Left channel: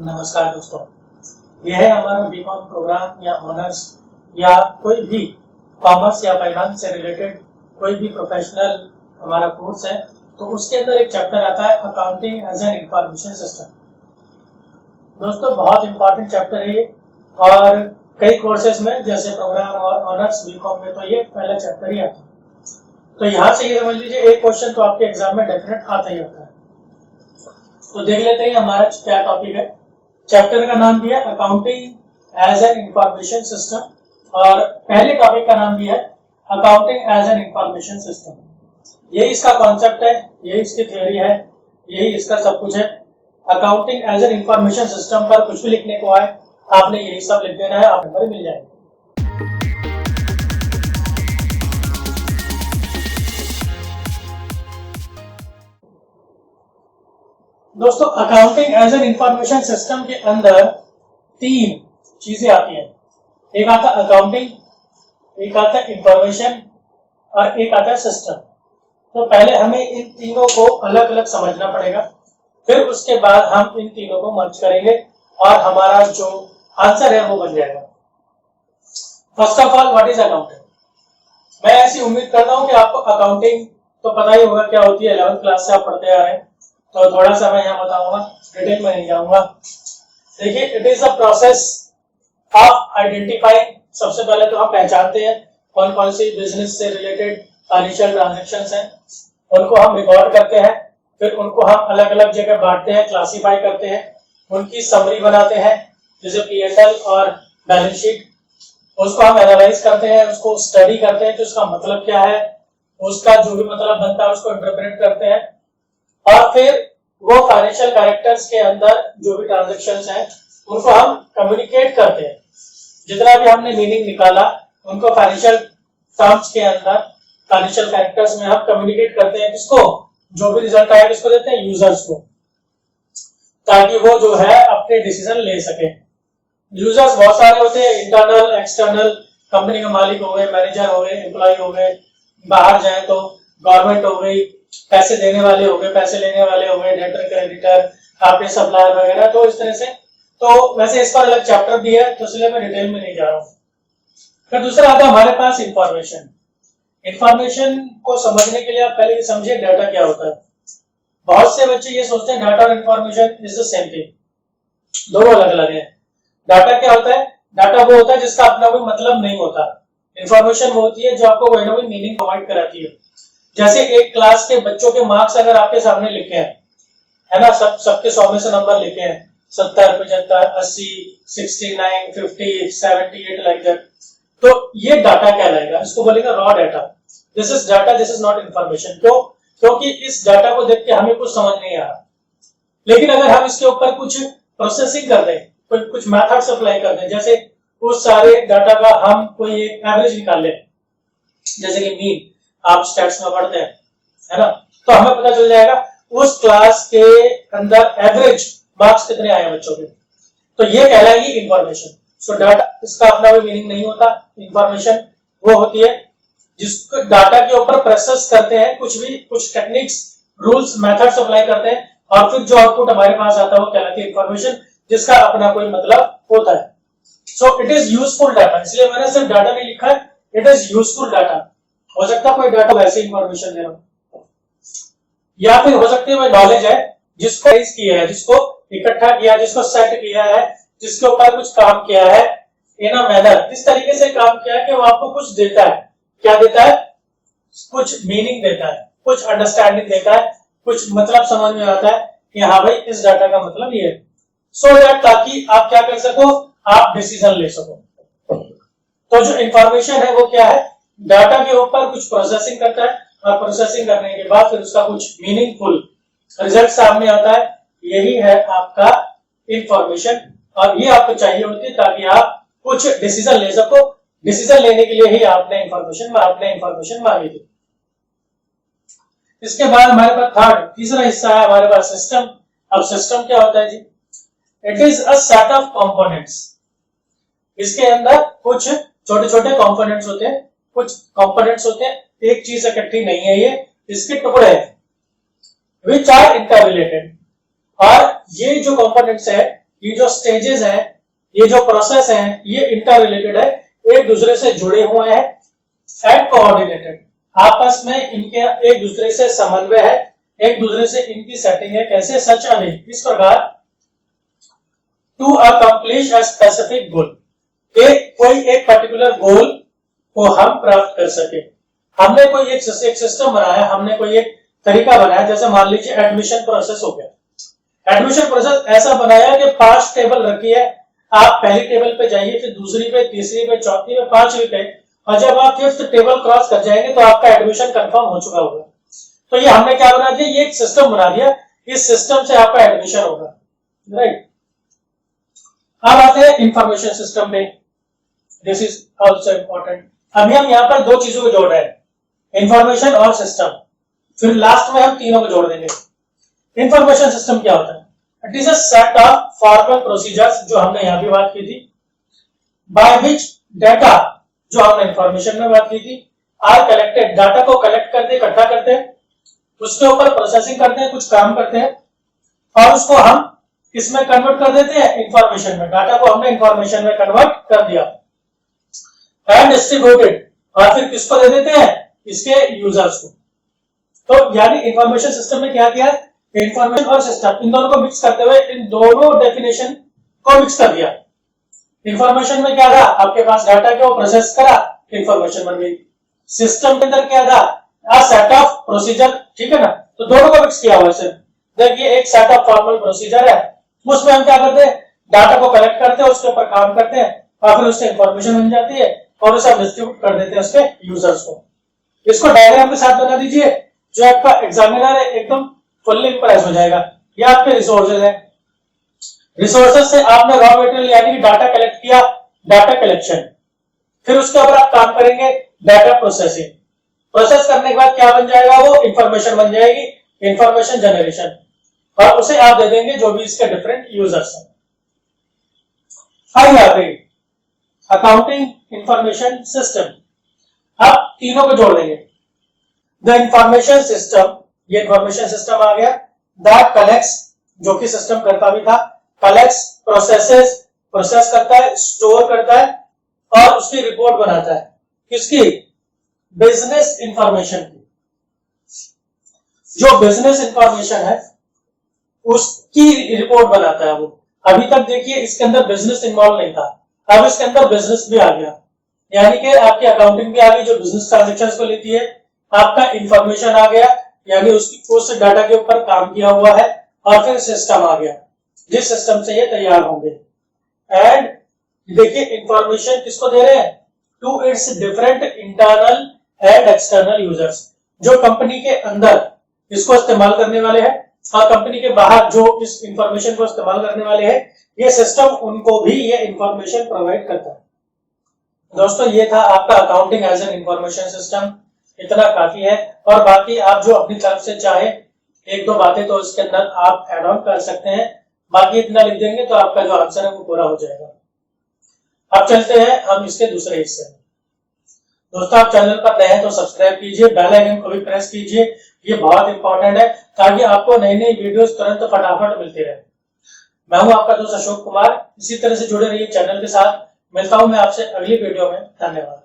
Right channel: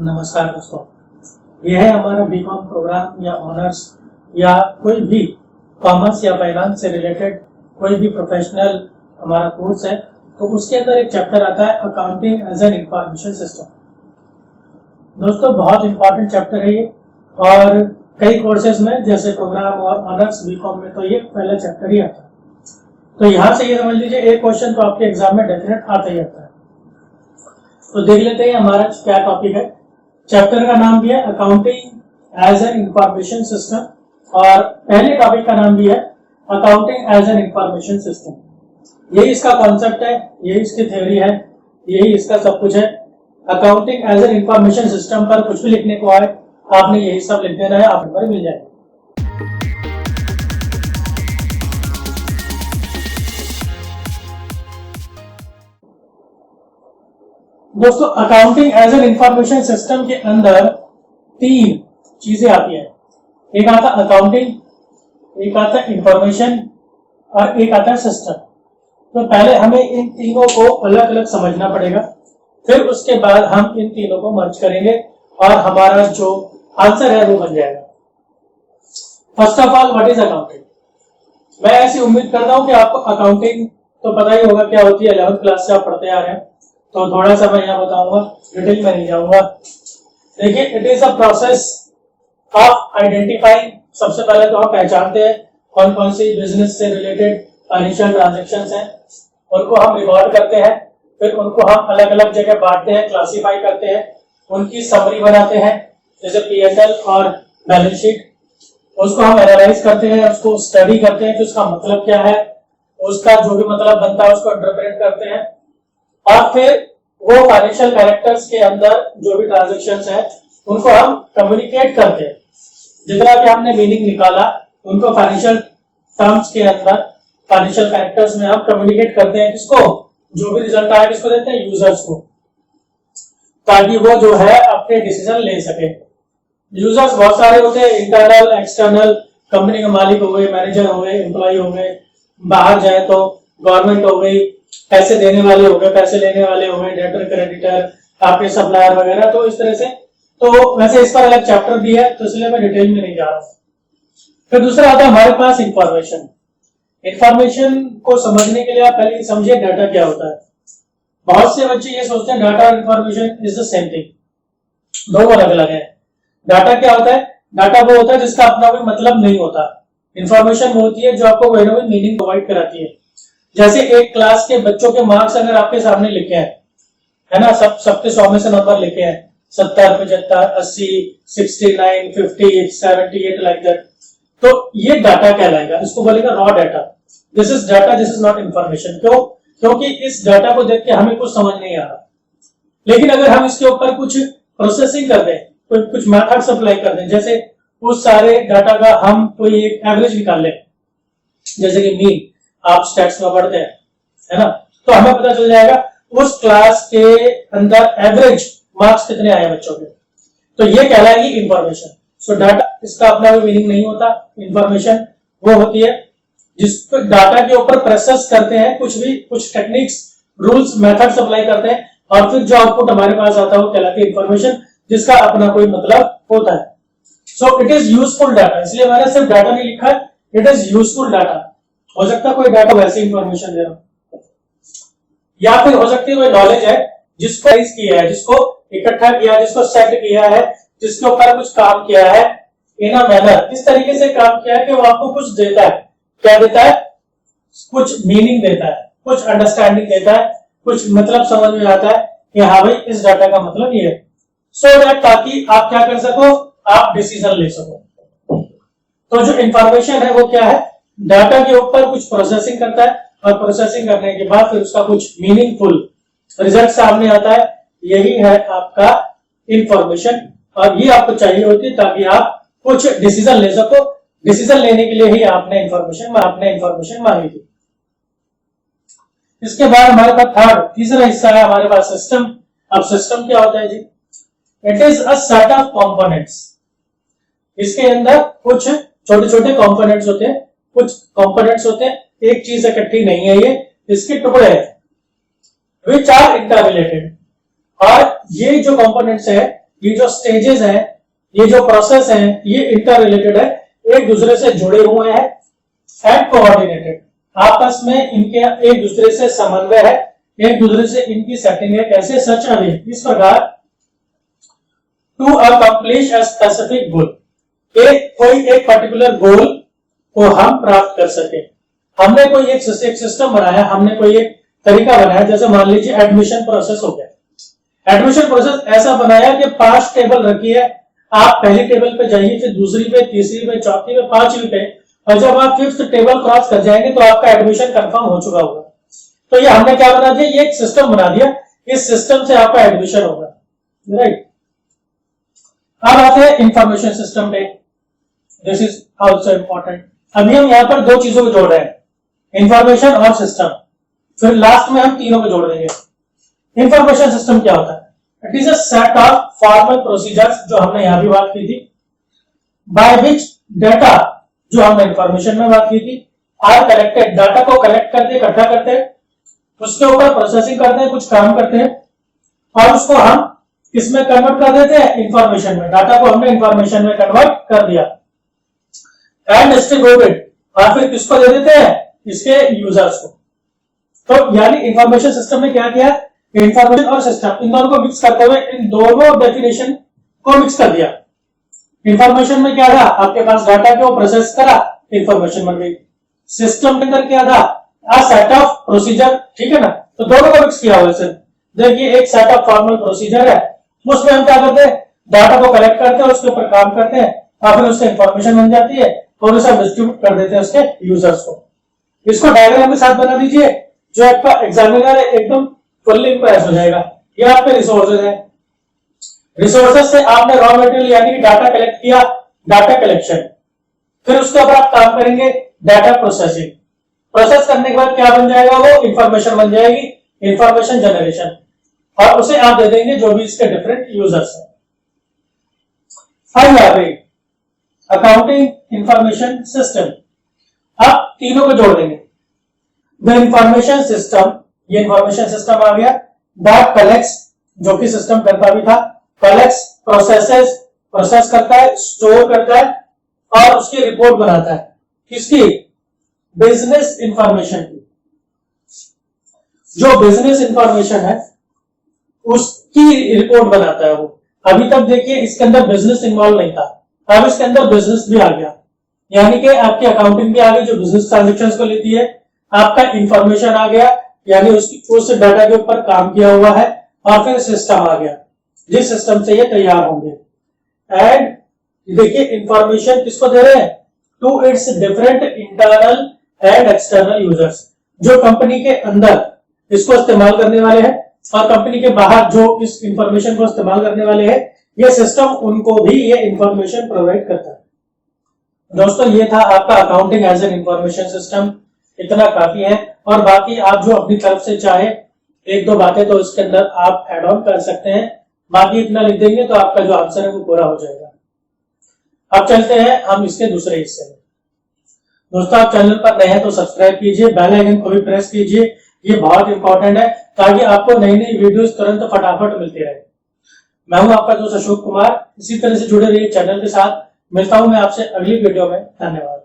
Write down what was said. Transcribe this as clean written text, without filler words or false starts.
नमस्कार दोस्तों, यह है हमारा बीकॉम प्रोग्राम या ऑनर्स या कोई भी कॉमर्स या फाइनेंस से रिलेटेड कोई भी प्रोफेशनल हमारा कोर्स है। तो उसके अंदर एक चैप्टर आता है accounting as an information system. दोस्तों बहुत इंपॉर्टेंट चैप्टर है ये, और कई कोर्सेज में जैसे प्रोग्राम और ऑनर्स बीकॉम में तो ये पहला चैप्टर ही आता है। तो यहाँ से ये समझ लीजिए एक क्वेश्चन तो आपके एग्जाम में डेफिनेट आता ही आता है। तो देख लेते हैं हमारा क्या टॉपिक है। चैप्टर का नाम भी है accounting as an information system, और पहले टॉपिक का नाम भी है accounting as an information system. यही इसका कॉन्सेप्ट है, यही इसकी थ्योरी है, यही इसका सब कुछ है। Accounting as an information system पर कुछ भी लिखने को आए आपने यही सब लिख देना है, आप नंबर मिल जाएगा। दोस्तों accounting as an information system के अंदर तीन चीजें आती हैं। एक आता है अकाउंटिंग, एक आता है इंफॉर्मेशन और एक आता है सिस्टम। तो पहले हमें इन तीनों को अलग अलग समझना पड़ेगा, फिर उसके बाद हम इन तीनों को मर्ज करेंगे और हमारा जो आंसर है वो बन जाएगा। First of all, what is accounting? मैं ऐसी उम्मीद करता हूं कि आपको अकाउंटिंग तो पता ही होगा क्या होती है, 11th क्लास से आप पढ़ते आ रहे हैं। तो थोड़ा सा मैं यहाँ बताऊंगा, डिटेल में नहीं जाऊंगा। देखिए, it is a process of identifying. सबसे पहले तो हम पहचानते हैं कौन कौन सी बिजनेस से रिलेटेड फाइनेंशियल ट्रांजैक्शंस हैं, उनको हम रिकॉर्ड करते हैं, फिर उनको हम अलग अलग जगह बांटते हैं, क्लासीफाई करते हैं, उनकी समरी बनाते हैं जैसे पीएनएल और बैलेंस शीट। उसको हम एनालाइज करते हैं, उसको स्टडी करते हैं कि उसका मतलब क्या है, उसका जो भी मतलब बनता है उसको इंटरप्रेट करते हैं, और फिर वो फाइनेंशियल कैरेक्टर्स के अंदर जो भी ट्रांजैक्शंस हैं उनको हम कम्युनिकेट करते हैं। जितना भी हमने मीनिंग निकाला उनको फाइनेंशियल टर्म्स के अंदर, फाइनेंशियल कैरेक्टर्स में हम कम्युनिकेट करते हैं। किसको? जो भी रिजल्ट आया किसको देते हैं? यूजर्स को, ताकि वो जो है अपने डिसीजन ले सके। यूजर्स बहुत सारे होते हैं, इंटरनल, एक्सटर्नल, कंपनी के मालिक हो गए, मैनेजर हो गए, एम्प्लॉय हो गए, बाहर जाए तो गवर्नमेंट हो गई, पैसे देने वाले हो गए, पैसे लेने वाले हो गए, डेटर, क्रेडिटर, आपके सप्लायर वगैरह। तो इस तरह से, तो वैसे इस पर अलग चैप्टर भी है, तो इसलिए मैं डिटेल में नहीं जा रहा हूँ। फिर दूसरा आता है हमारे पास इंफॉर्मेशन। इंफॉर्मेशन को समझने के लिए आप पहले समझिए डाटा क्या होता है। बहुत से बच्चे ये सोचते हैं डाटा और information is the same thing, दोनों अलग अलग है। डाटा क्या होता है? डाटा वो होता है जिसका अपना कोई मतलब नहीं होता। इंफॉर्मेशन वो होती है जो आपको कोई ना कोई मीनिंग प्रोवाइड कराती है। जैसे एक क्लास के बच्चों के मार्क्स अगर आपके सामने लिखे हैं, है ना, सबके 100 में से नंबर लिखे हैं, 70, 75, 80, 69, 50, 78 लाइक दैट, तो ये डाटा कहलाएगा। इसको बोलेगा raw data. This is data, this is not information. क्यों? क्योंकि इस डाटा को देख के हमें कुछ समझ नहीं आ रहा, लेकिन अगर हम इसके ऊपर कुछ प्रोसेसिंग कर दें, कुछ मैथड्स अप्लाई कर दें, जैसे उस सारे डाटा का हम कोई एक एवरेज निकाल लें, जैसे कि मीन आप स्टैट्स में पढ़ते हैं, है ना, तो हमें पता चल जाएगा उस क्लास के अंदर एवरेज मार्क्स कितने आए बच्चों के। तो ये कहलाएगी इंफॉर्मेशन। सो डाटा, इसका अपना कोई मीनिंग नहीं होता। इंफॉर्मेशन वो होती है जिसको डाटा के ऊपर प्रोसेस करते हैं, कुछ टेक्निक्स, रूल्स, मेथड्स अप्लाई करते हैं, और फिर जो आउटपुट हमारे पास आता है वो कहलाती है इंफॉर्मेशन, जिसका अपना कोई मतलब होता है। So it is useful data, इसलिए मैंने सिर्फ डाटा नहीं लिखा है, इट इज यूजफुल डाटा। हो सकता है कोई डाटा वैसे इंफॉर्मेशन दे रहा हूं, या फिर हो सकती है कोई नॉलेज है जिसको राइज किया है, जिसको इकट्ठा किया है, जिसको सेट किया है, जिसके ऊपर कुछ काम किया है, इन अ मैनर, इस तरीके से काम किया है कि वो आपको कुछ देता है। क्या देता है? कुछ मीनिंग देता है, कुछ अंडरस्टैंडिंग देता है, कुछ मतलब समझ में आता है कि हाँ भाई इस डाटा का मतलब ये है। सो दैट, ताकि आप क्या कर सको, आप डिसीजन ले सको। तो जो इंफॉर्मेशन है वो क्या है? डाटा के ऊपर कुछ प्रोसेसिंग करता है, और प्रोसेसिंग करने के बाद फिर उसका कुछ मीनिंगफुल रिजल्ट सामने आता है। यही है आपका इंफॉर्मेशन, और ये आपको चाहिए होती है ताकि आप कुछ डिसीजन ले सको। डिसीजन लेने के लिए ही आपने इंफॉर्मेशन मांगी थी। इसके बाद हमारे पास तीसरा हिस्सा है हमारे पास सिस्टम। अब सिस्टम क्या होता है जी? It is a set of components. इसके अंदर कुछ छोटे छोटे कंपोनेंट्स होते हैं, एक चीज इकट्ठी नहीं है, ये इसके टुकड़े हैं, विच आर इंटररिलेटेड। और ये जो कंपोनेंट्स है ये जो स्टेजेस हैं, ये जो प्रोसेस हैं, ये इंटर रिलेटेड है, एक दूसरे से जुड़े हुए हैं एंड कोऑर्डिनेटेड, आपस में इनके एक दूसरे से समन्वय है, एक दूसरे से इनकी सेटिंग है। कैसे? सच अ वे, इस प्रकार to accomplish a specific goal, कोई एक पर्टिकुलर गोल को हम प्राप्त कर सके। हमने कोई एक सिस्टम बनाया, हमने कोई एक तरीका बनाया, जैसे मान लीजिए एडमिशन प्रोसेस हो गया। एडमिशन प्रोसेस ऐसा बनाया कि 5 टेबल रखी है, आप पहली टेबल पे जाइए, फिर दूसरी पे, तीसरी पे, चौथी पे, 5वीं पे, और जब आप 5th टेबल क्रॉस कर जाएंगे तो आपका एडमिशन कंफर्म हो चुका होगा। तो ये हमने क्या बना दिया? ये एक सिस्टम बना दिया, इस सिस्टम से आपका एडमिशन होगा, राइट। अब आते हैं इंफॉर्मेशन सिस्टम पे, दिस इज ऑल्सो इंपॉर्टेंट। अभी हम यहाँ पर 2 चीजों को जोड़ रहे हैं, इंफॉर्मेशन और सिस्टम, फिर लास्ट में हम तीनों को जोड़ देंगे। इंफॉर्मेशन सिस्टम क्या होता है? It is a set of formal procedures, जो हमने यहां भी बात की थी, बाय विच डाटा, जो हमने इंफॉर्मेशन में बात की थी, आर कलेक्टेड, डाटा को कलेक्ट करते, इकट्ठा करते हैं, उसके ऊपर प्रोसेसिंग करते हैं, कुछ काम करते हैं, और उसको हम किसमें कन्वर्ट कर देते हैं? इंफॉर्मेशन में। डाटा को हमने इंफॉर्मेशन में कन्वर्ट कर दिया एंड डिस्ट्रीब्यूटेड, और फिर किसको दे देते हैं? इसके यूजर्स को। तो यानी इंफॉर्मेशन सिस्टम में क्या किया? इंफॉर्मेशन और सिस्टम, इन दोनों को मिक्स करते हुए इन दोनों डेफिनेशन को मिक्स कर दिया। इंफॉर्मेशन में क्या था? आपके पास डाटा को प्रोसेस करा, इंफॉर्मेशन बन गई। सिस्टम के अंदर क्या था? अ सेट ऑफ प्रोसीजर, ठीक है ना। तो दोनों को मिक्स किया हुआ है सिर्फ। देखिए एक सेट ऑफ फॉर्मल प्रोसीजर है, उसमें हम क्या करते हैं? डाटा को कलेक्ट करते हैं, उसके ऊपर काम करते हैं, और फिर उससे इंफॉर्मेशन बन जाती है, और उसे डिस्ट्रीब्यूट कर देते हैं उसके यूजर्स को। इसको डायग्राम के साथ बना दीजिए, जो आपका एग्जामिनर है एकदम फुल्ली इंप्रेस हो जाएगा। ये आपके रिसोर्सेज है, रिसोर्सेज से आपने रॉ मटेरियल यानी कि डाटा कलेक्ट किया, डाटा कलेक्शन, फिर उसके ऊपर आप काम करेंगे डाटा प्रोसेसिंग, प्रोसेस करने के बाद क्या बन जाएगा? वो इंफॉर्मेशन बन जाएगी, इंफॉर्मेशन जनरेशन, और उसे आप दे देंगे जो भी इसके डिफरेंट यूजर्स हैं। फाइव आ गई अकाउंटिंग इंफॉर्मेशन सिस्टम। अब तीनों को जोड़ देंगे। द इंफॉर्मेशन सिस्टम, ये इंफॉर्मेशन सिस्टम आ गया, दैट कलेक्ट्स, जो कि सिस्टम करता भी था, कलेक्ट्स, प्रोसेसेस, प्रोसेस करता है, स्टोर करता है, और उसकी रिपोर्ट बनाता है। किसकी? बिजनेस इंफॉर्मेशन की। जो बिजनेस इंफॉर्मेशन है उसकी रिपोर्ट बनाता है वो। अभी तक देखिए इसके अंदर बिजनेस इन्वॉल्व नहीं था, अब इसके अंदर बिजनेस भी आ गया, यानी कि आपकी अकाउंटिंग भी आ गई जो बिजनेस ट्रांजेक्शन्स को लेती है, आपका इंफॉर्मेशन आ गया यानी उसकी उस डाटा के ऊपर काम किया हुआ है, और फिर सिस्टम आ गया जिस सिस्टम से ये तैयार होंगे। एंड देखिए इंफॉर्मेशन किसको दे रहे हैं? To its different internal and external users, जो कंपनी के अंदर इसको इस्तेमाल करने वाले हैं और कंपनी के बाहर जो इस इंफॉर्मेशन को इस्तेमाल करने वाले हैं, ये सिस्टम उनको भी ये इंफॉर्मेशन प्रोवाइड करता है। दोस्तों ये था आपका accounting as an information system, इतना काफी है, और बाकी आप जो अपनी तरफ से चाहे 1-2 बातें तो इसके अंदर आप ऐड ऑन कर सकते हैं, बाकी इतना लिख देंगे तो आपका जो आंसर है वो पूरा हो जाएगा। अब चलते हैं हम इसके दूसरे हिस्से में। दोस्तों आप चैनल पर नए हैं तो सब्सक्राइब कीजिए, बेल आइकन को भी प्रेस कीजिए, ये बहुत इंपॉर्टेंट है ताकि आपको नई नई वीडियोस तुरंत फटाफट मिलती रहे। मैं हूं आपका दोस्त अशोक कुमार, इसी तरह से जुड़े रहिए चैनल के साथ। मिलता हूं मैं आपसे अगली वीडियो में। धन्यवाद।